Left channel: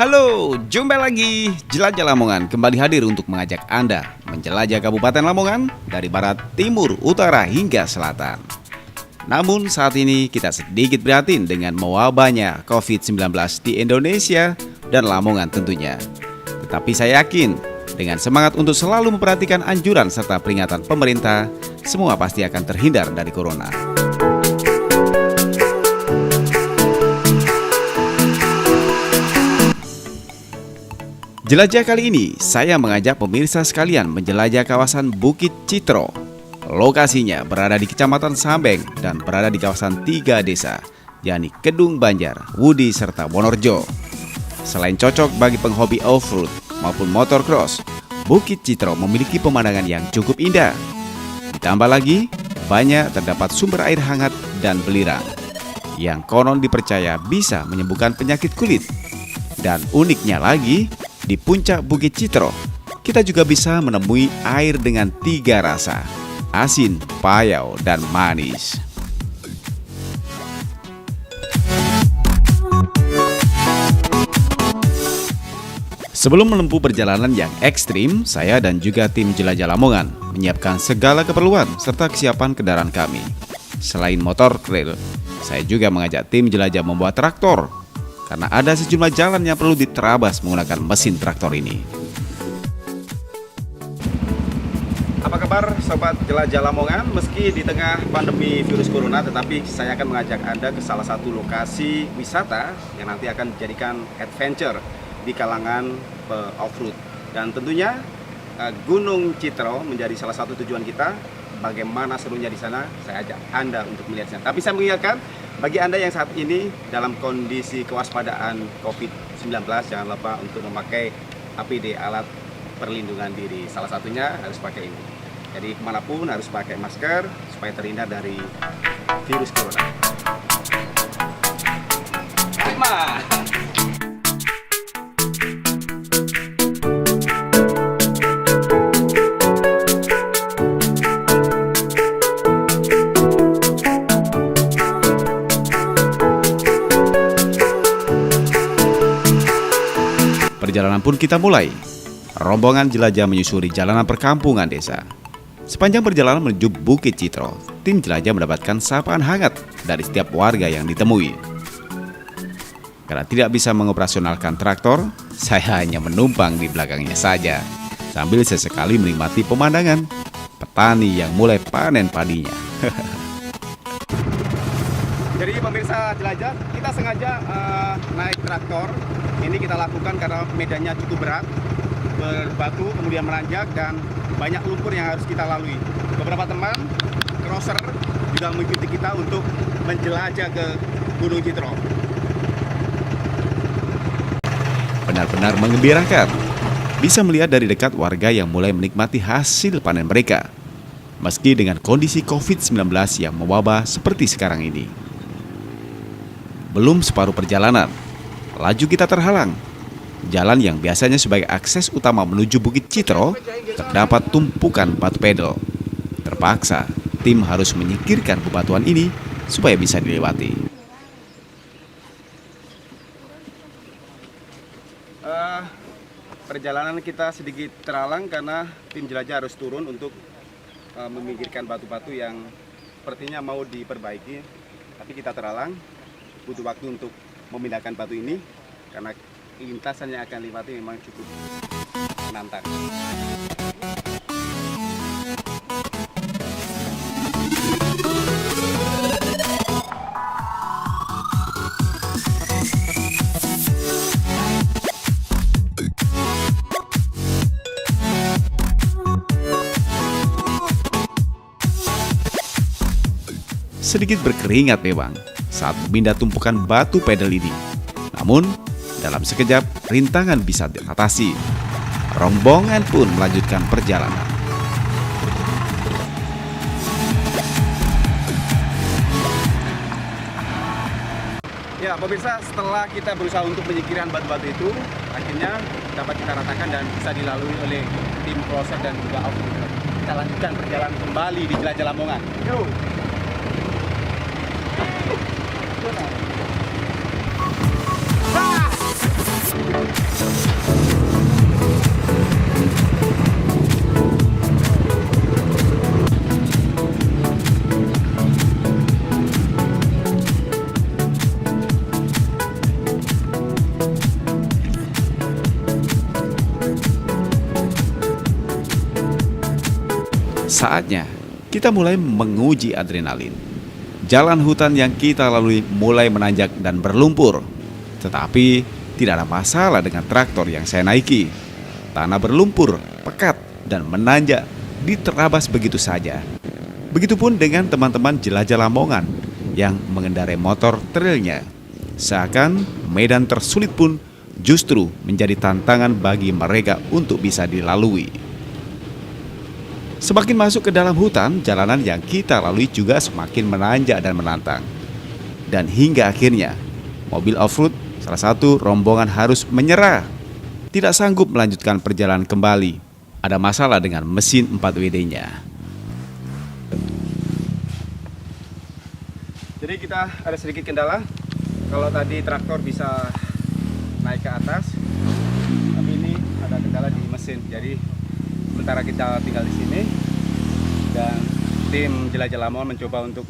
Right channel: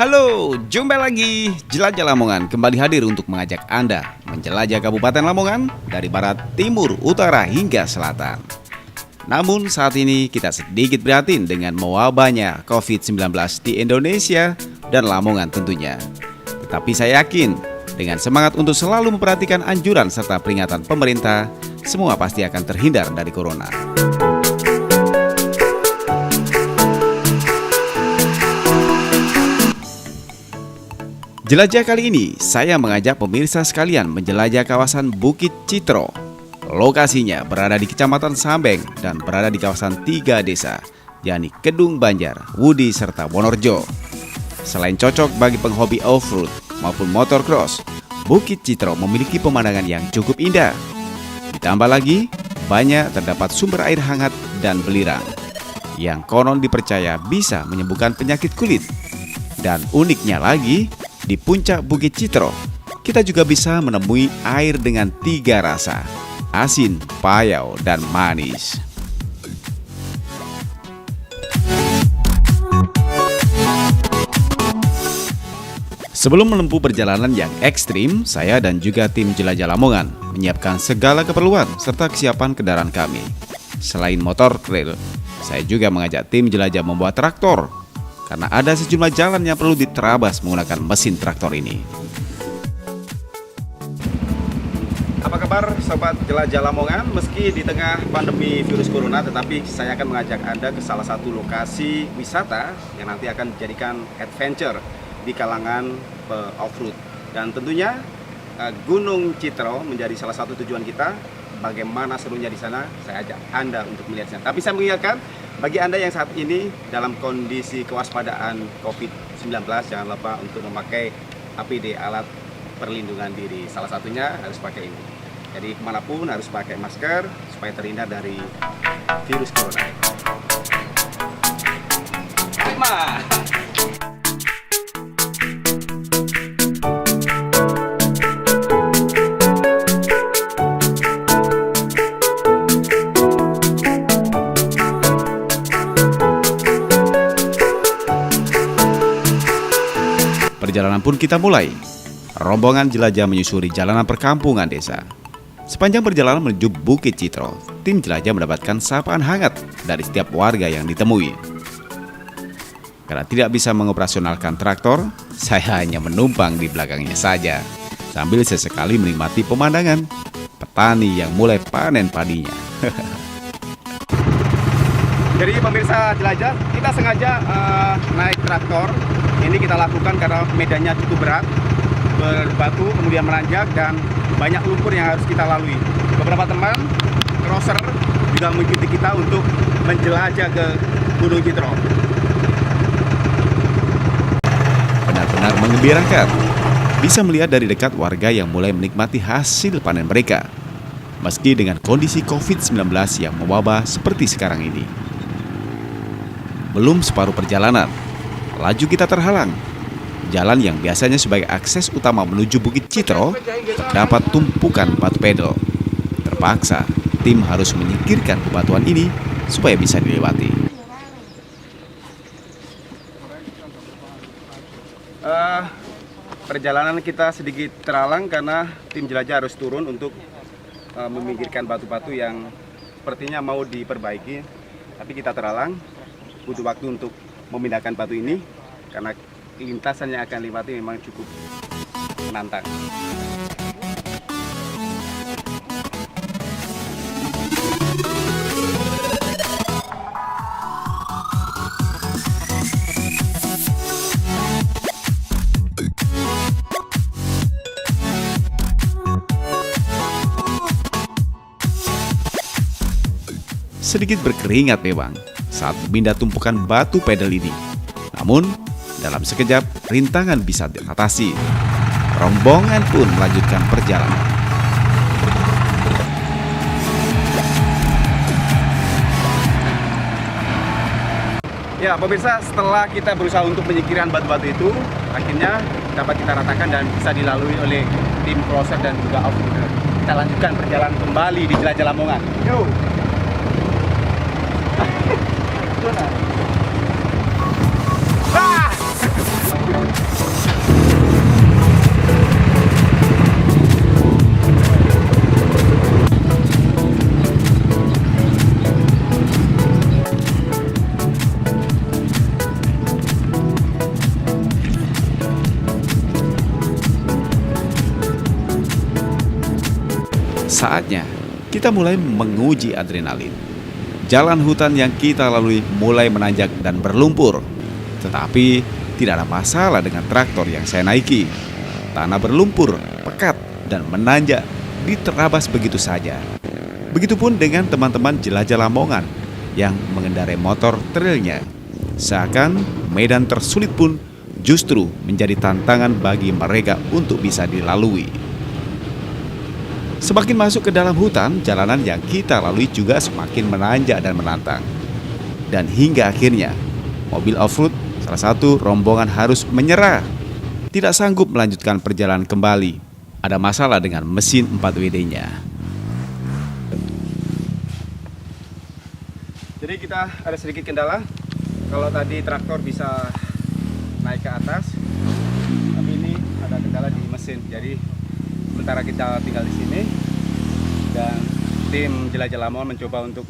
Halo, jumpa lagi. Jelajah Lamongan kembali hadir untuk mengajak Anda menjelajah Kabupaten Lamongan dari barat, timur, utara hingga selatan. Namun saat ini kita sedikit prihatin dengan mewabahnya COVID-19 di Indonesia dan Lamongan tentunya. Tetapi saya yakin dengan semangat untuk selalu memperhatikan anjuran serta peringatan pemerintah, semua pasti akan terhindar dari corona. Jelajah kali ini, saya mengajak pemirsa sekalian menjelajah kawasan Bukit Citro. Lokasinya berada di Kecamatan Sambeng dan berada di kawasan 3 desa, yakni Kedung Banjar, Wudi, serta Wonorejo. Selain cocok bagi penghobi off-road maupun motocross, Bukit Citro memiliki pemandangan yang cukup indah. Ditambah lagi, banyak terdapat sumber air hangat dan belirang, yang konon dipercaya bisa menyembuhkan penyakit kulit. Dan uniknya lagi, di puncak Bukit Citro, kita juga bisa menemui air dengan 3 rasa, asin, payau, dan manis. Sebelum menempuh perjalanan yang ekstrim, saya dan juga tim Jelajah Lamongan menyiapkan segala keperluan serta kesiapan kendaraan kami. Selain motor trail, saya juga mengajak tim jelajah membawa traktor, karena ada sejumlah jalan yang perlu diterabas menggunakan mesin traktor ini. Apa kabar sobat Jelajah Lamongan? Meski di tengah pandemi virus corona, tetapi saya akan mengajak Anda ke salah satu lokasi wisata yang nanti akan dijadikan adventure di kalangan off-road. Dan tentunya Gunung Citro menjadi salah satu tujuan kita. Bagaimana serunya di sana, saya ajak Anda untuk melihatnya. Tapi saya mengingatkan, bagi Anda yang saat ini dalam kondisi kewaspadaan COVID-19, jangan lupa untuk memakai APD, alat perlindungan diri. Salah satunya harus pakai ini. Jadi kemanapun harus pakai masker supaya terhindar dari virus corona. Perjalanan pun kita mulai. Rombongan jelajah menyusuri jalanan perkampungan desa. Sepanjang perjalanan menuju Bukit Citro, tim jelajah mendapatkan sapaan hangat dari setiap warga yang ditemui. Karena tidak bisa mengoperasionalkan traktor, saya hanya menumpang di belakangnya saja, sambil sesekali menikmati pemandangan petani yang mulai panen padinya. Jadi pemirsa jelajah, kita sengaja naik traktor. Ini kita lakukan karena medannya cukup berat, berbatu, kemudian menanjak, dan banyak lumpur yang harus kita lalui. Beberapa teman crosser juga mengikuti kita untuk menjelajah ke Gunung Citro. Benar-benar menggembirakan, bisa melihat dari dekat warga yang mulai menikmati hasil panen mereka, meski dengan kondisi COVID-19 yang mewabah seperti sekarang ini. Belum separuh perjalanan, laju kita terhalang. Jalan yang biasanya sebagai akses utama menuju Bukit Citro terdapat tumpukan batu pedal. Terpaksa, tim harus menyingkirkan bebatuan ini supaya bisa dilewati. Perjalanan kita sedikit terhalang karena tim jelajah harus turun untuk meminggirkan batu-batu yang sepertinya mau diperbaiki. Tapi kita terhalang, butuh waktu untuk memindahkan batu ini karena lintasan yang akan lewati memang cukup menantang. Sedikit berkeringat memang saat memindah tumpukan batu pedal ini. Namun, dalam sekejap rintangan bisa diatasi. Rombongan pun melanjutkan perjalanan. Ya, pemirsa, setelah kita berusaha untuk menyingkirkan batu-batu itu, akhirnya dapat kita ratakan dan bisa dilalui oleh tim crosser dan juga off-roader. Kita lanjutkan perjalanan kembali di Jelajah Lamongan. Yuk! Ah! Saatnya kita mulai menguji adrenalin. Jalan hutan yang kita lalui mulai menanjak dan berlumpur. Tetapi tidak ada masalah dengan traktor yang saya naiki. Tanah berlumpur, pekat, dan menanjak diterabas begitu saja. Begitupun dengan teman-teman jelajah Lamongan yang mengendarai motor trailnya. Seakan medan tersulit pun justru menjadi tantangan bagi mereka untuk bisa dilalui. Semakin masuk ke dalam hutan, jalanan yang kita lalui juga semakin menanjak dan menantang. Dan hingga akhirnya, mobil off-road salah satu rombongan harus menyerah. Tidak sanggup melanjutkan perjalanan kembali. Ada masalah dengan mesin 4WD-nya. Jadi kita ada sedikit kendala. Kalau tadi traktor bisa naik ke atas, tapi ini ada kendala di mesin. Jadi sementara kita tinggal di sini dan tim jelajah Lamongan mencoba untuk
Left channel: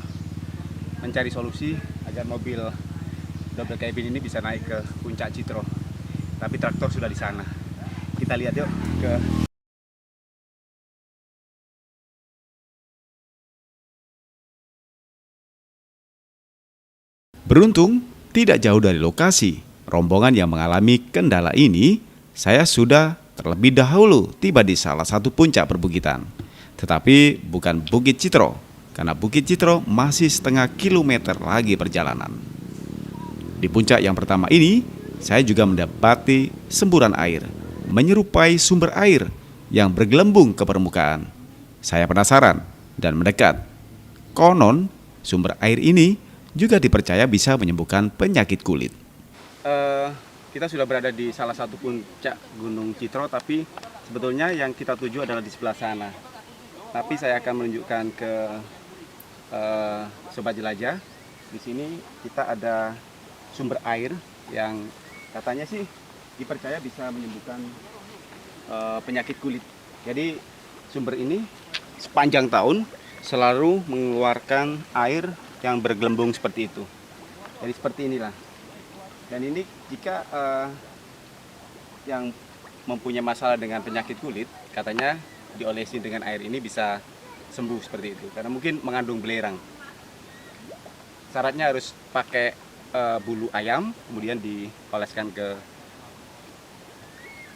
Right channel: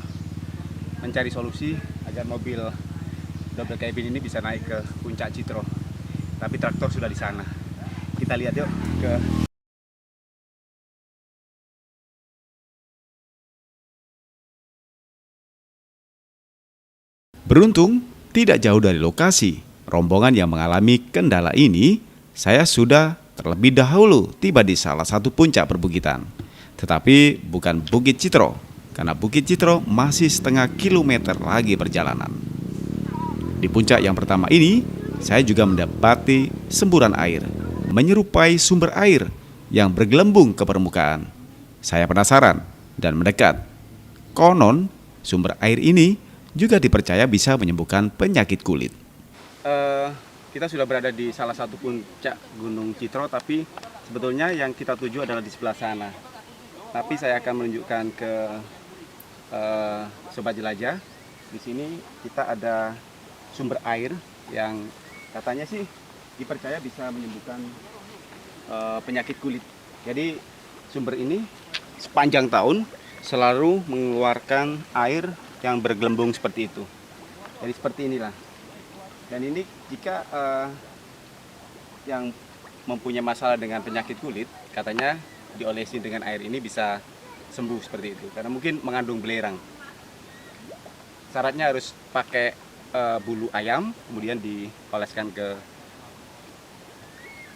mencari solusi agar mobil double cabin ini bisa naik ke puncak Citro. Tapi traktor sudah di sana. Kita lihat yuk ke. Beruntung, tidak jauh dari lokasi rombongan yang mengalami kendala ini, saya sudah terlebih dahulu tiba di salah satu puncak perbukitan. Tetapi bukan Bukit Citro, karena Bukit Citro masih setengah kilometer lagi perjalanan. Di puncak yang pertama ini, saya juga mendapati semburan air, menyerupai sumber air yang bergelembung ke permukaan. Saya penasaran dan mendekat. Konon, sumber air ini juga dipercaya bisa menyembuhkan penyakit kulit. Kita sudah berada di salah satu puncak Gunung Citro, tapi sebetulnya yang kita tuju adalah di sebelah sana. Tapi saya akan menunjukkan ke sobat jelajah. Di sini kita ada sumber air yang katanya sih dipercaya bisa menyembuhkan penyakit kulit. Jadi sumber ini sepanjang tahun selalu mengeluarkan air yang bergelembung seperti itu. Jadi seperti inilah. Dan ini jika yang mempunyai masalah dengan penyakit kulit, katanya diolesi dengan air ini bisa sembuh seperti itu. Karena mungkin mengandung belerang. Syaratnya harus pakai bulu ayam, kemudian dioleskan ke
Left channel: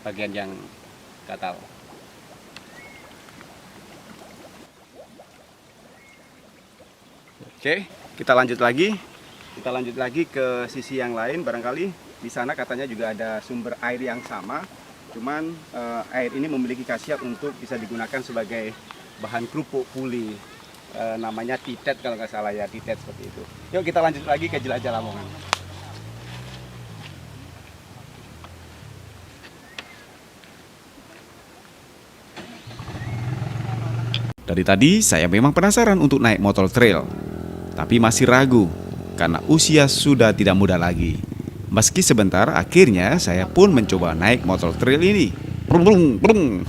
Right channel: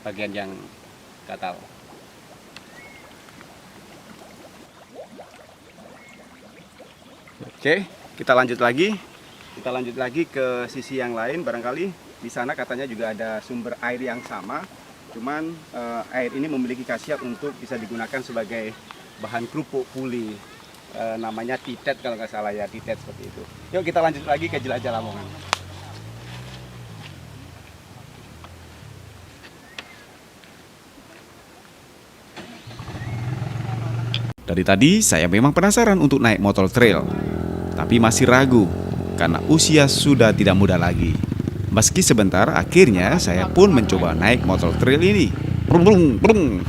bagian yang gatal. Oke, kita lanjut lagi. Kita lanjut lagi ke sisi yang lain. Barangkali di sana katanya juga ada sumber air yang sama. Cuman air ini memiliki khasiat untuk bisa digunakan sebagai bahan kerupuk puli. Namanya titet kalau nggak salah ya, titet seperti itu. Yuk kita lanjut lagi ke jelajah Lamongan. Dari tadi saya memang penasaran untuk naik motor trail, tapi masih ragu karena usia sudah tidak muda lagi. Meski sebentar, akhirnya saya pun mencoba naik motor trail ini. Brung, brung.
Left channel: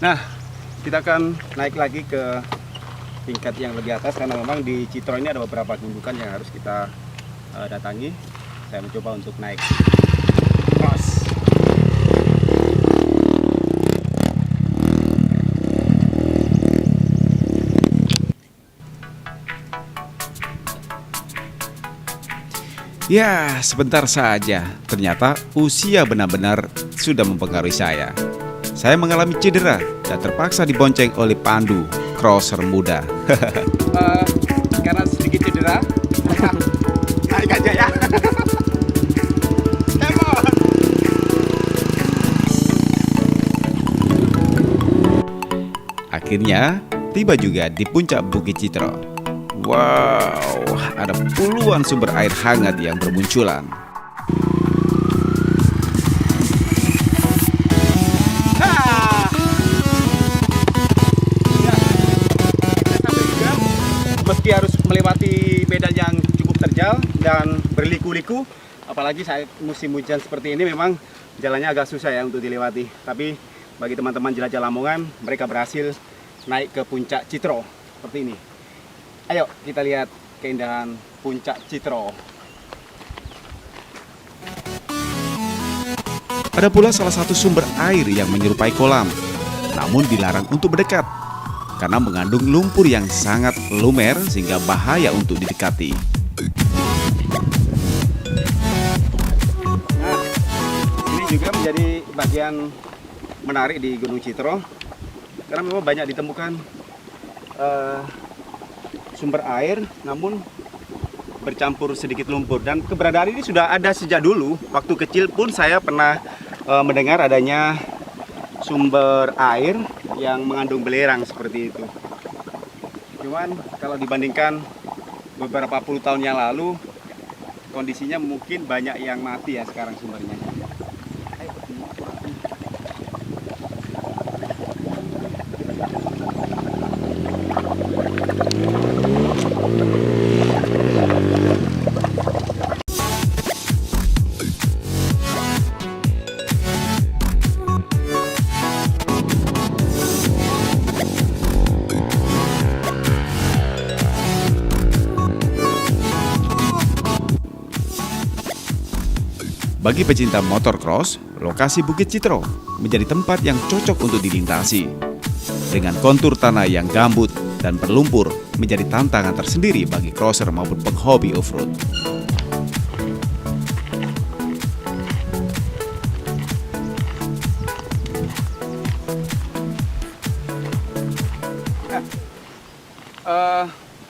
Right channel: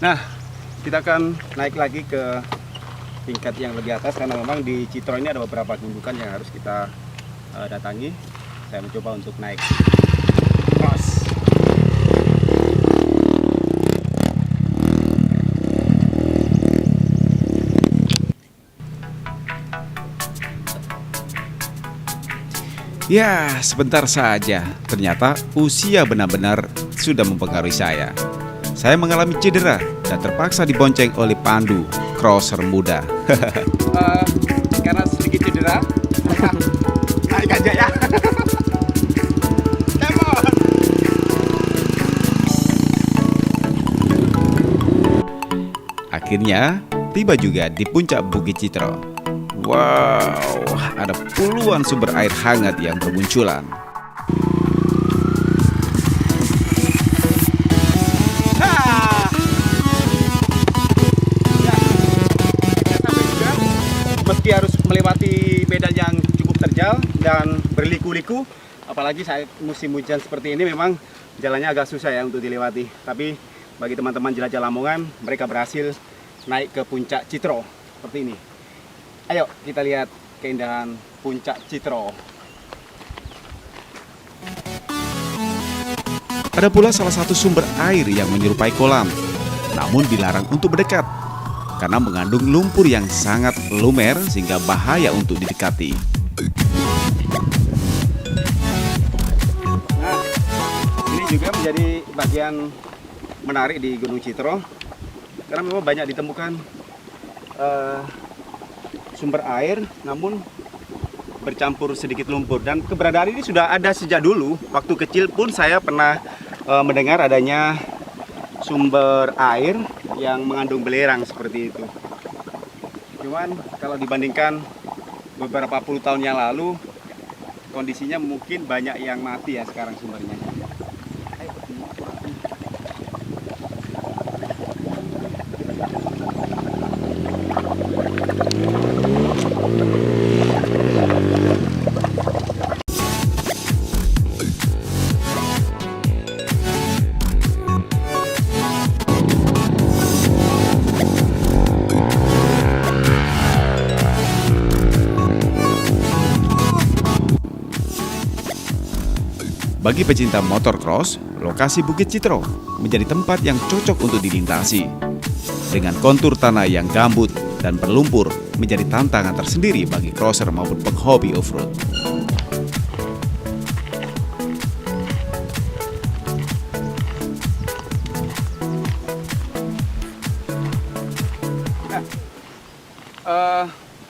Nah, kita akan naik lagi ke tingkat yang lebih atas karena memang di Citro ini ada beberapa gundukan yang harus kita datangi. Saya mencoba untuk naik. Cross. Ya, sebentar saja. Ternyata usia benar-benar sudah mempengaruhi saya. Saya mengalami cedera dan terpaksa dibonceng oleh Pandu, crosser muda. Karena sedikit cedera, naik aja ya. Akhirnya, tiba juga di puncak Bukit Citro. Wow, ada puluhan sumber air hangat yang bermunculan. Ya, kita sampai juga. Meski harus melewati medan yang cukup terjal dan berliku-liku, apalagi saat musim hujan seperti ini, memang jalannya agak susah ya untuk dilewati. Tapi bagi teman-teman jelajah Lamongan, mereka berhasil naik ke puncak Citro seperti ini. Ayo kita lihat keindahan puncak Citro. Ada pula salah satu sumber air yang menyerupai kolam, namun dilarang untuk mendekat karena mengandung lumpur yang sangat lumer sehingga bahaya untuk didekati. Nah, ini juga menjadi bagian menarik di Gunung Citro karena memang banyak ditemukan sumber air namun bercampur sedikit lumpur, dan keberadaan ini sudah ada sejak dulu. Waktu kecil pun saya pernah mendengar adanya sumber air yang mengandung belerang seperti itu. Cuman kalau dibandingkan beberapa puluh tahun yang lalu, kondisinya mungkin banyak yang mati ya sekarang sumbernya. Bagi pecinta motorcross, lokasi Bukit Citro menjadi tempat yang cocok untuk dilintasi. Dengan kontur tanah yang gambut dan berlumpur menjadi tantangan tersendiri bagi crosser maupun penghobi off-road.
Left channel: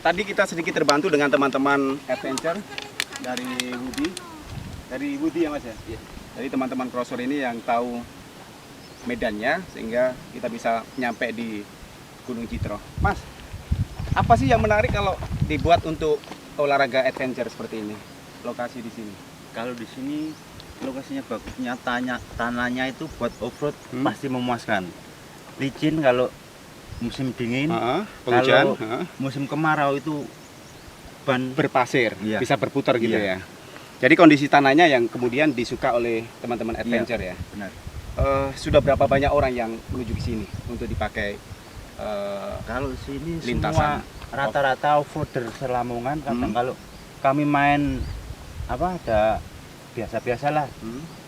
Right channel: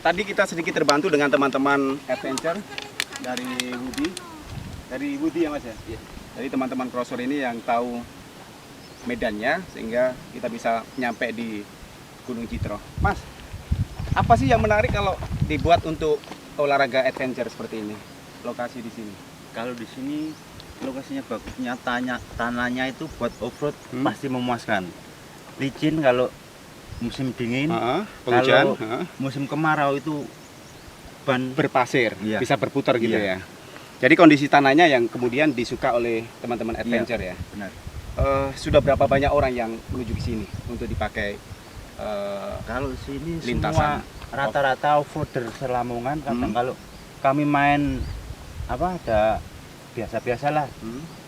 Tadi kita sedikit terbantu dengan teman-teman adventure dari Woody. Dari Woody ya Mas ya? Iya. Jadi teman-teman crosser ini yang tahu medannya sehingga kita bisa nyampe di Gunung Citro. Mas, apa sih yang menarik kalau dibuat untuk olahraga adventure seperti ini? Lokasi di sini. Kalau di sini lokasinya bagusnya, tanahnya itu buat off-road pasti memuaskan. Licin kalau musim dingin, penghujan, kalau musim kemarau itu ban berpasir, iya, bisa berputar gitu iya, ya. Jadi kondisi tanahnya yang kemudian disuka oleh teman-teman adventure iya, ya. benar. Sudah berapa banyak orang yang menuju ke sini untuk dipakai Kalau sini lintasan semua rata-rata off-roader Selamongan. Kadang kalau kami main ada biasa-biasalah.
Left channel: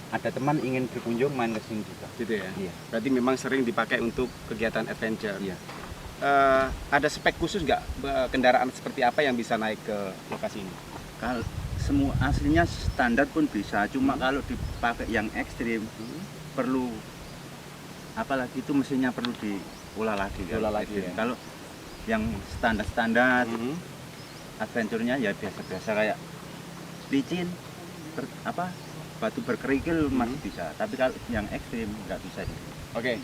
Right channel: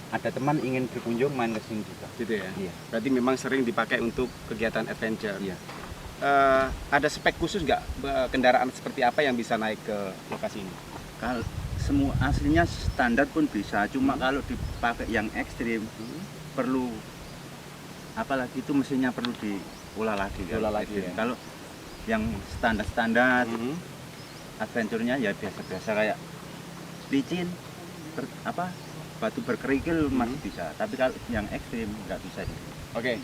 Ada teman ingin berkunjung main ke sini juga. Gitu ya. Iya. Berarti memang sering dipakai untuk kegiatan adventure. Iya. Ada spek khusus nggak kendaraan seperti apa yang bisa naik ke lokasi ini? Kalau semua aslinya standar pun bisa, cuma kalau dipakai yang ekstrim perlu, apalagi itu mesinnya perlu diolah lagi. Diolah lagi ya. Kalau yang standar-standar adventure-nya ya biasa-biasa kayak licin, batu berkerikil masih bisa, tapi kalau yang ekstrim nggak bisa. Oke,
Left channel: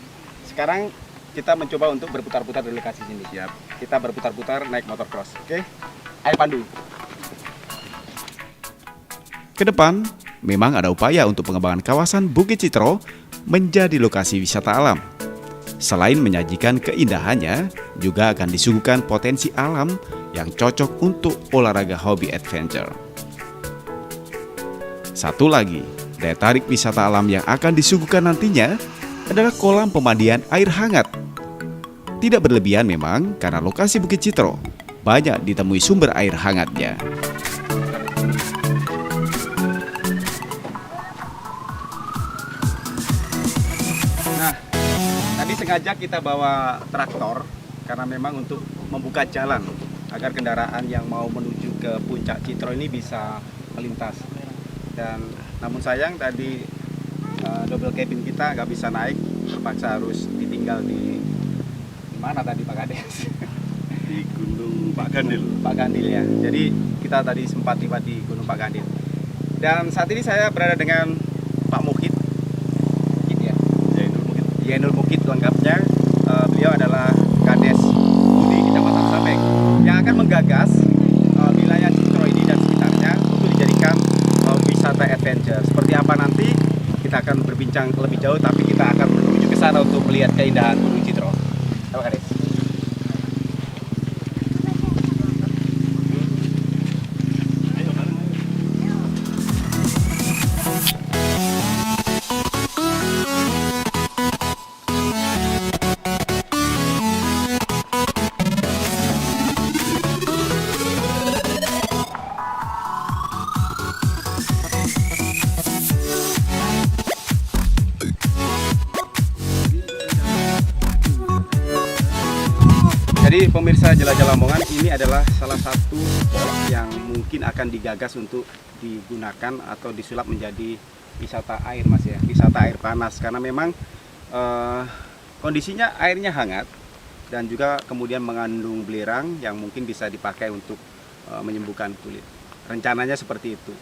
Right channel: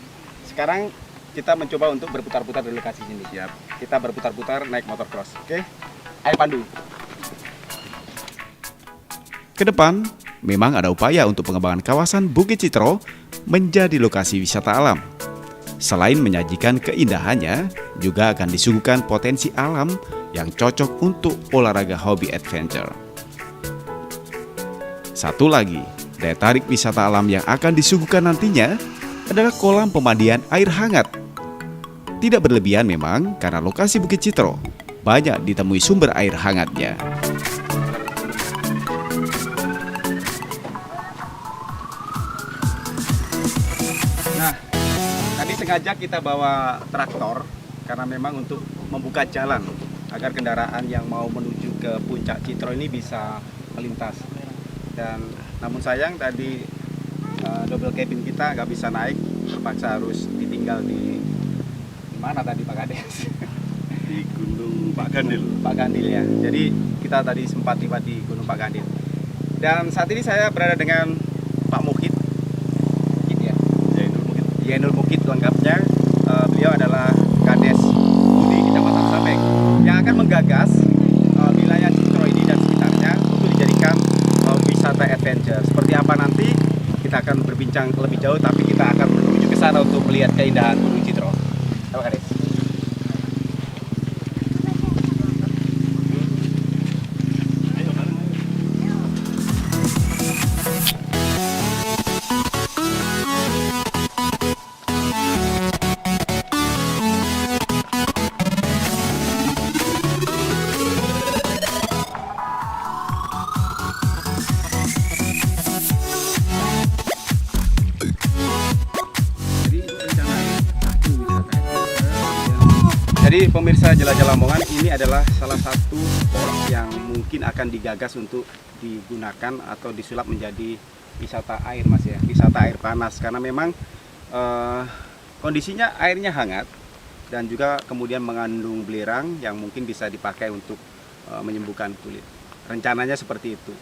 sekarang kita mencoba untuk berputar-putar di lokasi sini. Siap. Kita berputar-putar naik motocross. Oke, ayo pandu. Kedepan, memang ada upaya untuk pengembangan kawasan Bukit Citro menjadi lokasi wisata alam. Selain menyajikan keindahannya, juga akan disuguhkan potensi alam yang cocok untuk olahraga hobi adventure. Satu lagi, daya tarik wisata alam yang akan disuguhkan nantinya adalah kolam pemandian air hangat. Tidak berlebihan memang, karena lokasi Bukit Citro banyak ditemui sumber air hangatnya. Nah, tadi sengaja kita bawa traktor karena memang untuk membuka jalan agar kendaraan yang mau menuju ke puncak Citro ini bisa melintas. Dan namun sayang tadi double cabin kita nggak bisa naik, terpaksa harus ditinggal di mana tadi Pak Kades? Di Gunung Pak Gandil. Pak Gandil ya. Jadi kita tadi sempat tiba di Gunung Pak Gandil. Dan saat ini saya berada dengan Pak Mukit. Mukit ya. Yenul Mukit lengkapnya. Beliau adalah Kades Budi Kecamatan Sabeng yang akan menggagas wilayah Citro ini dan sekitarnya untuk dijadikan wisata adventure. Seperti apa nanti kita akan berbincang lebih jauh, tapi kita akan menuju ke sana untuk melihat keindahan Gunung Citro. Apa Kades? Desa Jelajah Lamongan ini adalah salah satu spot yang mungkin akan digagas untuk digunakan atau disulap menjadi wisata air, Mas ya, wisata air panas, karena memang kondisinya airnya hangat dan juga kemudian mengandung belerang yang mungkin bisa dipakai untuk menyembuhkan kulit. Rencananya seperti itu.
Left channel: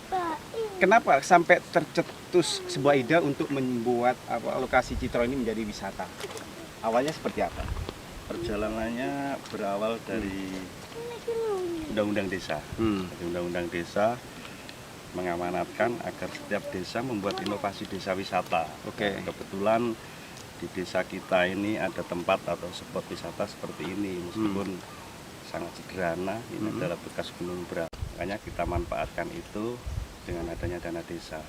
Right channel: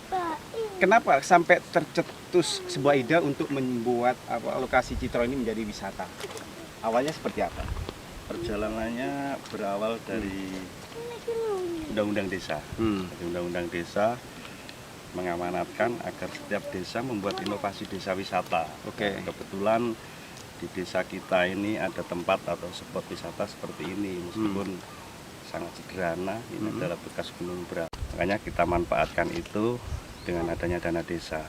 Kenapa sampai tercetus sebuah ide untuk membuat lokasi Citro ini menjadi wisata? Awalnya seperti apa? Perjalanannya berawal dari Undang-Undang Desa. Jadi Undang-Undang Desa mengamanatkan agar setiap desa membuat inovasi desa wisata. Oke. Kebetulan di desa kita ini ada tempat atau spot wisata seperti ini, meskipun sangat sederhana. Ini adalah bekas gunung berapi. Makanya kita manfaatkan itu dengan adanya dana desa.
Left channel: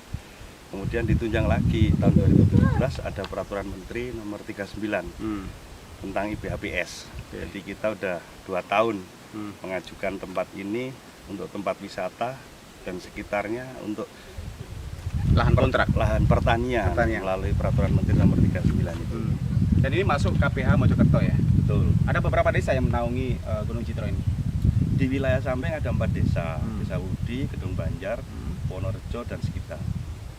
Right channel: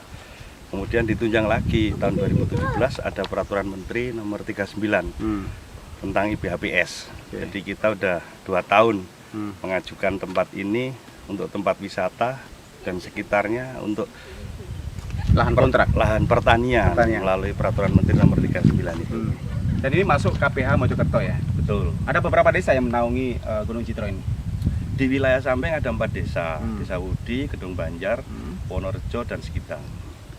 Kemudian ditunjang lagi tahun 2017 ada Peraturan Menteri Nomor 39 tentang IBHPS. Oke. Jadi kita udah 2 tahun mengajukan tempat ini untuk tempat wisata dan sekitarnya untuk Lahan kontrak. lahan pertanian, Pertanian. melalui Peraturan Menteri Nomor 39 itu. Dan ini masuk KPH Mojokerto ya. Betul. Ada beberapa desa yang menaungi Gunung Citro ini. Di wilayah Sampeng ada 4 desa, Desa Wudi, Kedung Banjar, Wonorejo dan sekitar.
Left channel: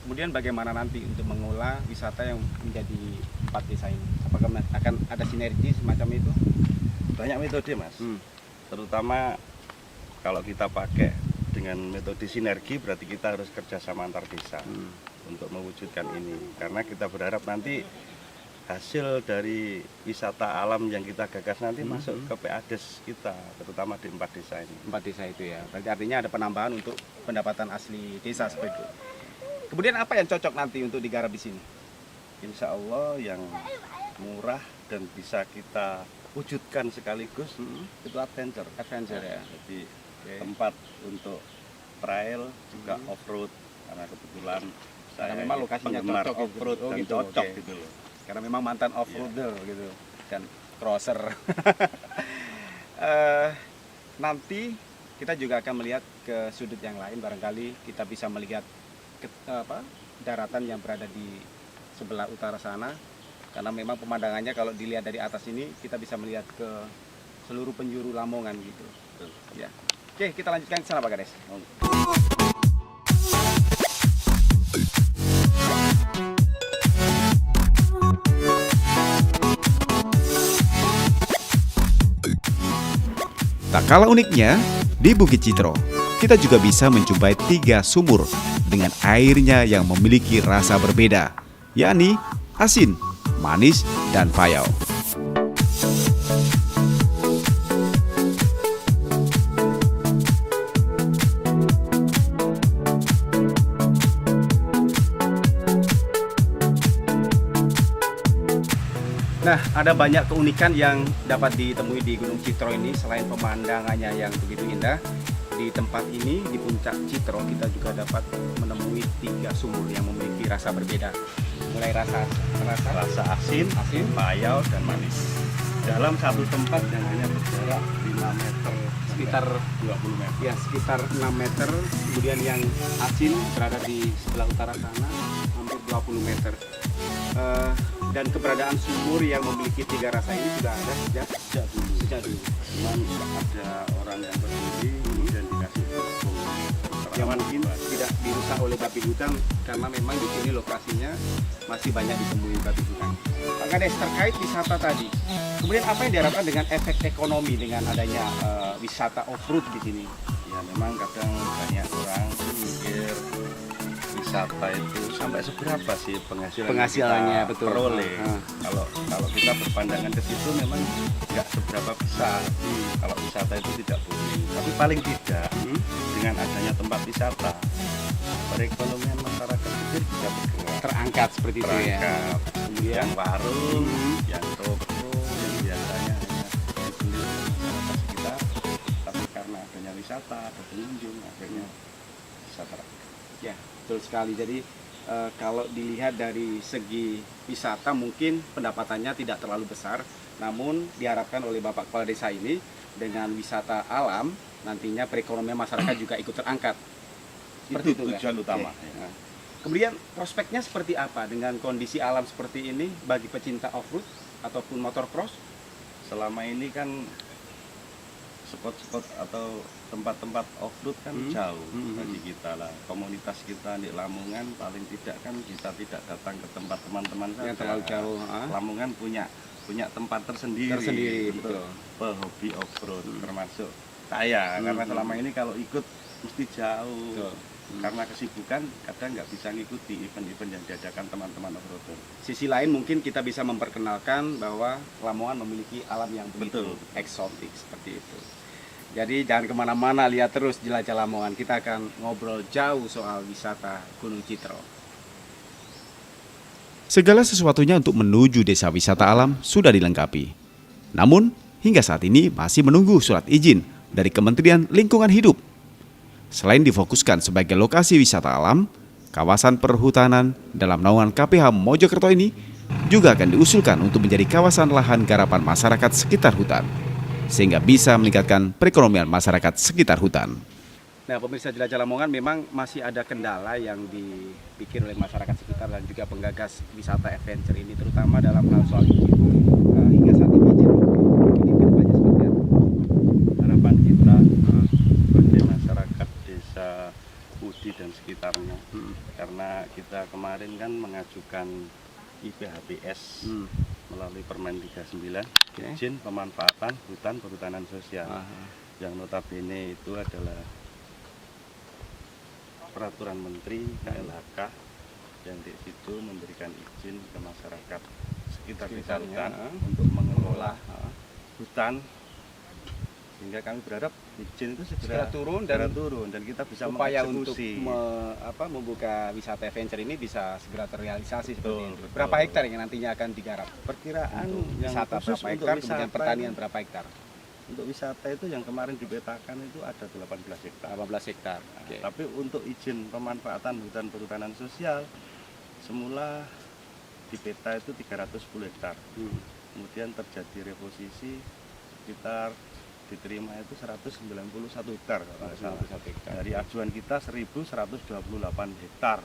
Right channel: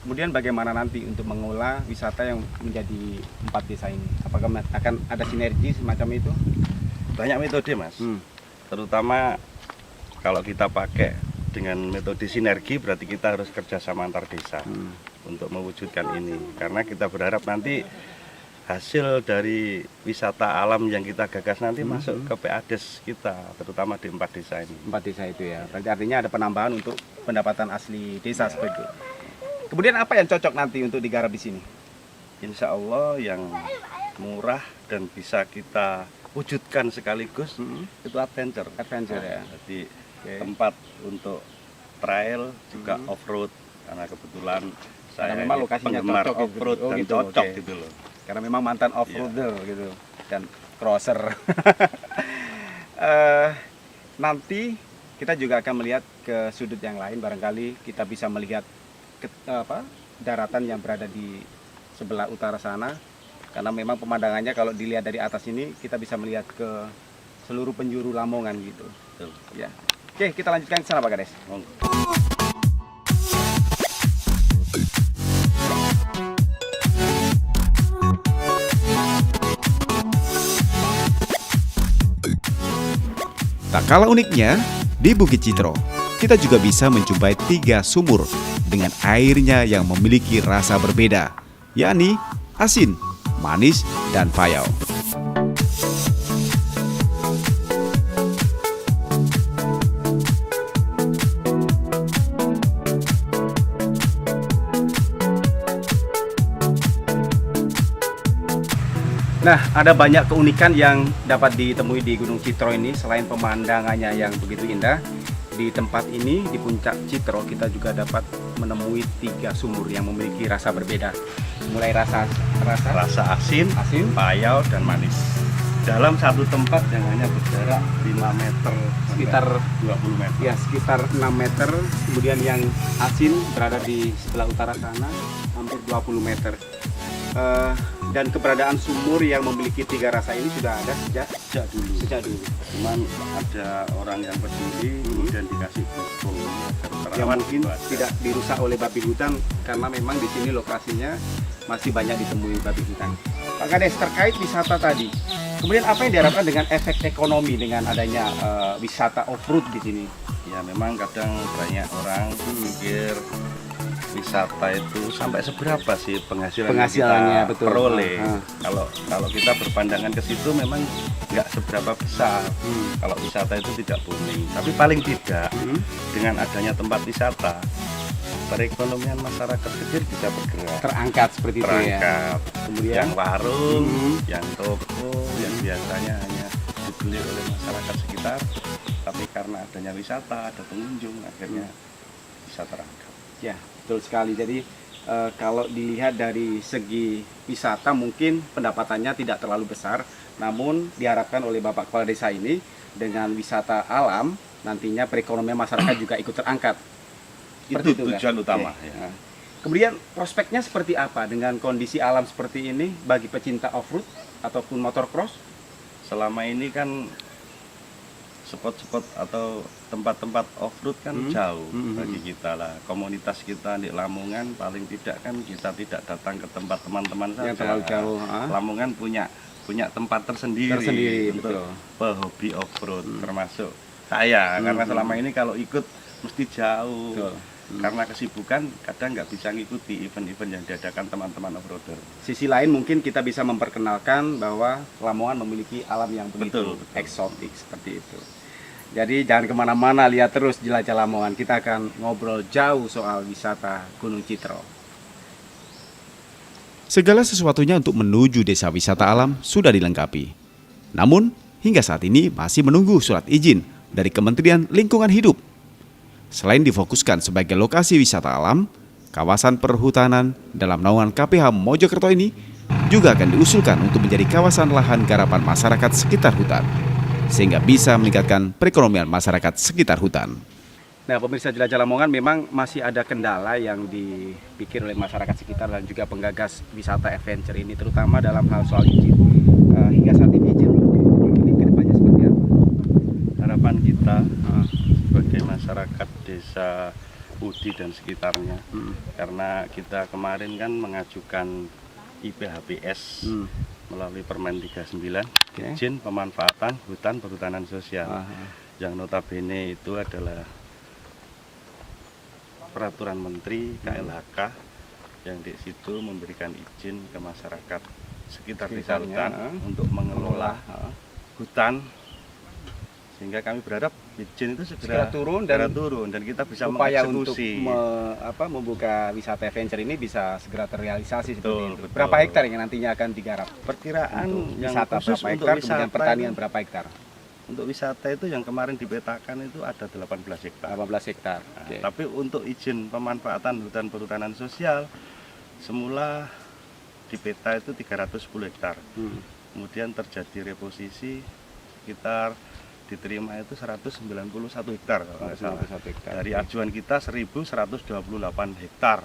Kemudian bagaimana nanti untuk mengolah wisata yang menjadi 4 desa ini? Apakah akan ada sinergi semacam itu? Banyak metode, Mas. Terutama kalau kita pakai dengan metode sinergi, berarti kita harus kerjasama antar desa untuk mewujudkan ini. Karena kita berharap nanti hasil dari wisata alam yang kita gagas nanti masuk ke PADES kita, terutama di 4 desa ini. 4 desa itu ya. Berarti artinya ada penambahan untuk pendapatan asli desa seperti itu. Kemudian apa yang cocok nanti untuk digarap di sini? Insya Allah yang murah dan bisa kita wujudkan sekaligus itu adventure. Adventure ya. Jadi Oke. tempat untuk trail juga off-road, karena kebetulan saya Karena memang lokasinya penggemar cocok gitu. off-road Oh dan gitu, cocok oke. gitu loh. Karena memang mantan off-roader gitu dan crosser. Nanti kita juga akan melihat ke sudut yang lain, barangkali kita bisa melihat daratan yang berada di sebelah utara sana, karena memang pemandangannya kalau dilihat dari atas ini kita bisa melihat ke seluruh penjuru Lamongan gitu. Betul. Ya. Oke, kita lanjutkan ke sana Pak Kades. Monggo. Tak kalah uniknya, di Bukit Citro, kita juga bisa menjumpai 3 sumur dengan airnya yang memiliki rasa berbeda, yakni asin, manis, dan payau. Nah, ada banyak keunikan yang dapat ditemui di Gunung Citro ini. Selain pemandangannya yang begitu indah, di tempat ini, di puncak Citro, kita juga dapat menemui 3 sumur yang memiliki rasa berbeda. Mulai rasa Rasa asin, asin, payau dan manis. Dalam satu tempat yang hanya berjarak 5 meter, sekitar 20 meter. ya sekitar 6 meter. Kemudian yang asin berada di sebelah utara sana, hampir 20 meter. Dan keberadaan sumur yang memiliki 3 rasa ini sudah ada Sejak dulu. sejak dulu. Cuman ada orang yang peduli, kemudian dikasih pupuk. Yang mungkin tidak dirusak oleh babi hutan, karena memang di sini lokasinya masih banyak ditemui babi hutan. Pak Kades, terkait wisata tadi, kemudian apa yang diharapkan dengan efek ekonomi dengan adanya wisata off-road di sini? Ya memang kadang banyak orang mikir wisata itu sampai seberapa sih penghasilan yang Penghasilannya, kita betul. peroleh. Ah. Kalau kita berpandangan ke situ memang nggak seberapa besar. Kalau wisata itu tidak booming, tapi paling tidak dengan adanya tempat wisata, perekonomian masyarakat kecil bisa bergerak. Terangkat seperti itu ya. Terangkat. Kemudian Yang warung, yang toko, yang biasanya hanya dibeli oleh masyarakat sekitar, tapi karena adanya wisata, ada pengunjung, akhirnya bisa terangkat. ya, betul sekali. Jadi kalau dilihat dari segi wisata mungkin pendapatannya tidak terlalu besar, namun diharapkan oleh Bapak Kepala Desa ini dengan wisata alam nantinya perekonomian masyarakat juga ikut terangkat. Seperti Itu kan? tujuan utama, Oke. ya. Nah, kemudian prospeknya seperti apa dengan kondisi alam seperti ini bagi pecinta off-road ataupun motocross? Selama ini kan spot-spot atau tempat-tempat off-road kan jauh bagi kita lah. Komunitas kita di Lamongan paling tidak kan kita tidak datang ke tempat teman-teman saja. Yang terlalu jauh. Lamongan punya tempat tersendiri, untuk betul. pehobi off-road, termasuk saya. Karena selama ini kalau ikut mesti jauh. Betul. Karena kesibukan kadang nggak bisa ngikuti event-event yang diadakan teman-teman off-roader. Sisi lain mungkin kita bisa memperkenalkan bahwa Lamongan memiliki alam yang begitu Betul. eksotik seperti itu. Jadi jangan kemana-mana, lihat terus Jelajah Lamongan. Kita akan ngobrol jauh soal wisata Gunung Citro. Segala sesuatunya untuk menuju desa wisata alam sudah dilengkapi. Namun, hingga saat ini masih menunggu surat izin dari Kementerian Lingkungan Hidup. Selain difokuskan sebagai lokasi wisata alam, kawasan perhutanan dalam naungan KPH Mojokerto ini juga akan diusulkan untuk menjadi kawasan lahan garapan masyarakat sekitar hutan, sehingga bisa meningkatkan perekonomian masyarakat sekitar hutan. Nah, pemirsa Jelajah Lamongan, memang masih ada kendala yang dipikir oleh masyarakat sekitar dan juga penggagas wisata adventure ini, terutama dalam hal soal izin. Hingga saat ini izin ini ke depannya seperti apa? Harapan kita sebagai masyarakat desa Udi dan sekitarnya, karena kita kemarin kan mengajukan IPHPS melalui Permen 39, izin pemanfaatan hutan perhutanan sosial, yang notabene itu adalah peraturan Menteri KLHK yang di situ memberikan izin ke masyarakat sekitar desa hutan untuk mengelola hutan, sehingga kami berharap izin itu segera turun dan kita bisa upaya untuk mengeksekusi. membuka wisata adventure ini bisa segera terrealisasi seperti Betul, itu. betul. Berapa hektar yang nantinya akan digarap? Perkiraan Untuk yang wisata khusus berapa untuk hektar, kemudian wisata pertanian itu- berapa hektar? Untuk wisata itu yang kemarin dipetakan itu ada 18 hektar. 18 hektar. Nah, Oke. tapi untuk izin pemanfaatan hutan perhutanan sosial semula di peta itu 310 hektar. Kemudian terjadi reposisi sekitar diterima itu 191 hektar kalau nggak salah. 191 hektar. Dari ajuan kita 1128 hektar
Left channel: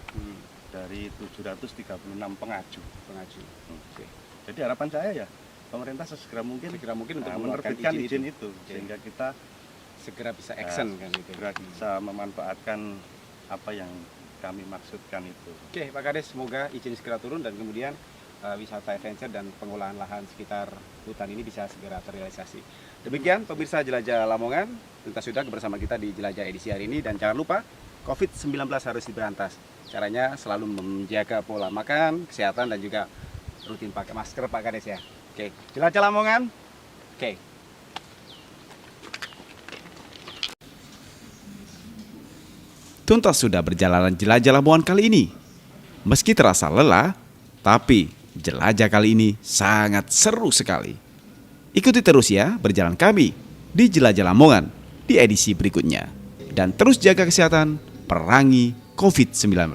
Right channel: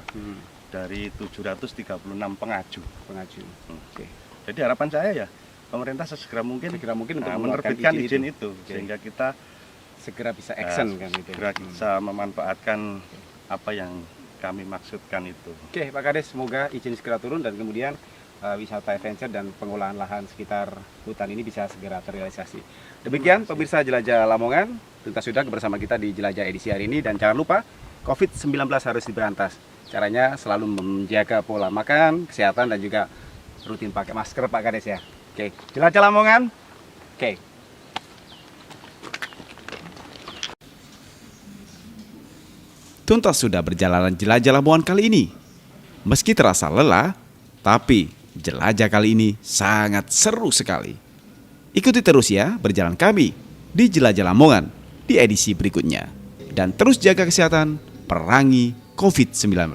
dari 736 pengaju. Pengaju. Oke. Jadi harapan saya ya pemerintah sesegera mungkin, Segera mungkin untuk mengeluarkan menerbitkan izin izin itu, Oke. sehingga kita Segera bisa action kan gitu. segera bisa memanfaatkan apa yang kami maksudkan itu. Oke, Pak Kades, semoga izin segera turun dan kemudian wisata adventure dan pengolahan lahan sekitar hutan ini bisa segera terrealisasi. Demikian pemirsa Jelajah Lamongan, tuntas sudah bersama kita di Jelajah edisi hari ini, dan jangan lupa COVID-19 harus diberantas. Caranya selalu menjaga pola makan, kesehatan, dan juga rutin pakai masker, Pak Kades ya. Oke, Jelajah Lamongan. Oke. Tuntas sudah berjalanan jelajah Lamongan kali ini. Meski terasa lelah, tapi jelajah kali ini sangat seru sekali. Ikuti terus ya berjalan kami di Jelajah Lamongan di edisi berikutnya. Dan terus jaga kesehatan, perangi COVID-19.